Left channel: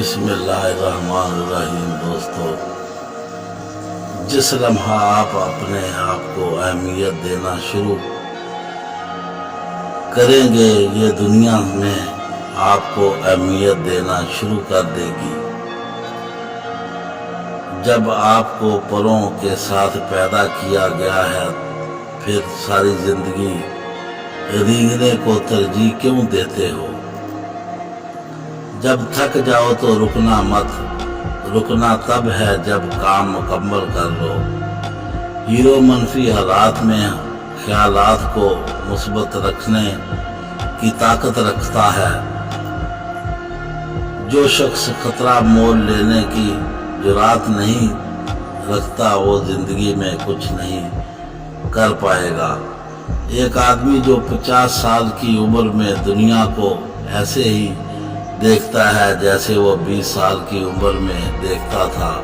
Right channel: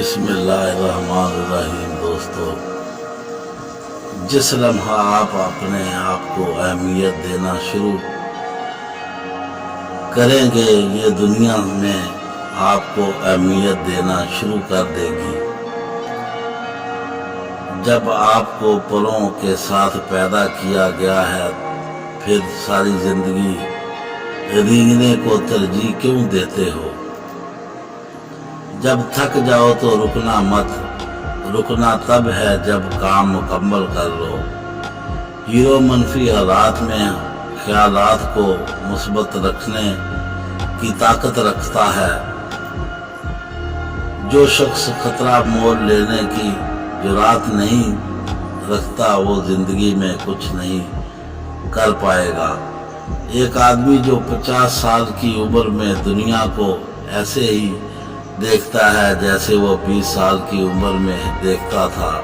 بسم اللہ الرحمن الرحیم۔ دوستو، جس لمحہ آپ اپنے آپ کو اہمیت دینا شروع کریں گے، یہ دنیا میں آپ کو اہمیت دینا شروع کر دے گی۔ جب آپ کو پروں کے ساتھ پیدا کیا گیا ہے، پھر ساری زندگی رینگنے کو ترجیح کیوں دیتے ہو؟ جب تھک جاؤ تو رکنا مت، رکنا تب ہے جب کام مکمل کر لو۔ ہیرو منفی حالات میں خیالات کو مثبت رکھنے کی طاقت رکھتا ہے۔ جو شخص خطرہ مول لینے کی جرات نہیں رکھتا، وہ زندگی میں کچھ نہیں کر پائے گا۔ ایک آدمی جو 50 سال کی عمر میں دنیا کو ایسے ہی دیکھتا ہے جیسے وہ 20 سال کی عمر میں دیکھتا تھا،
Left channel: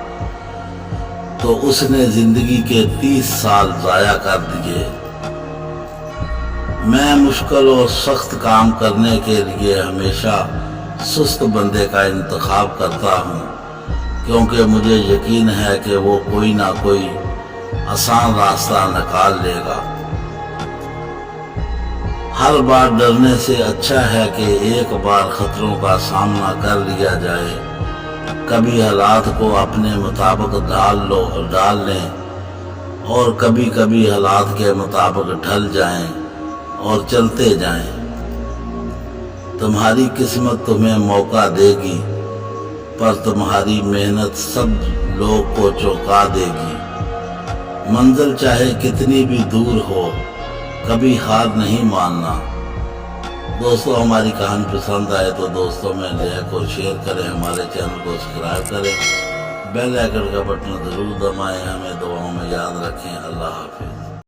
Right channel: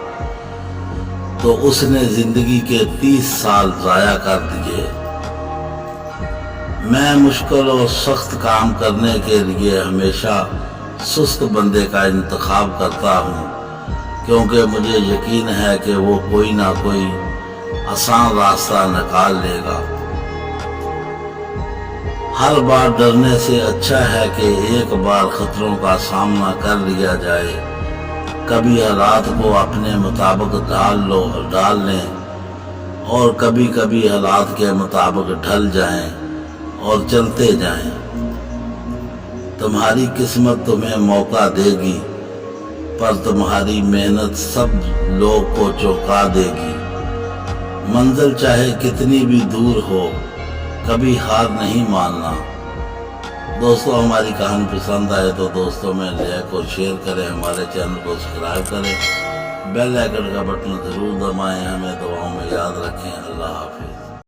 تو اس نے زندگی کے 30 سال ضائع کر دیے۔ میں مشکل اور سخت کام کرنے کے لیے ہمیشہ سست بندے کا انتخاب کرتا ہوں، کیونکہ مجھے یقین ہے کہ وہ کوئی نہ کوئی آسان راستہ نکال لے گا۔ ہر بار ڈرنے سے اچھا ہے کہ ایک بار خطروں کا سامنا کر لیا جائے۔ کبھی حالات کو اپنے مطابق ڈال لیں اور کبھی کبھی حالات کے مطابق ڈھل جائیں اور چلتے جائیں۔ تمہاری قسمت تمہیں موقع دے گی، پر تمہاری محنت سب لوگ کو چونکا دے گی۔ منزل چاہے کتنی بھی دور ہو، کبھی ہار نہیں ماننا۔ دوستو، ہماری کہانی پسند آئے تو دوستوں میں لائک اور شیئر کریں، ہمارے چینل کو سبسکرائب کریں، بیل آئیکن کا بٹن ضرور دبائیں۔ ہمیں دعاؤں میں یاد رکھیں۔ اللہ حافظ۔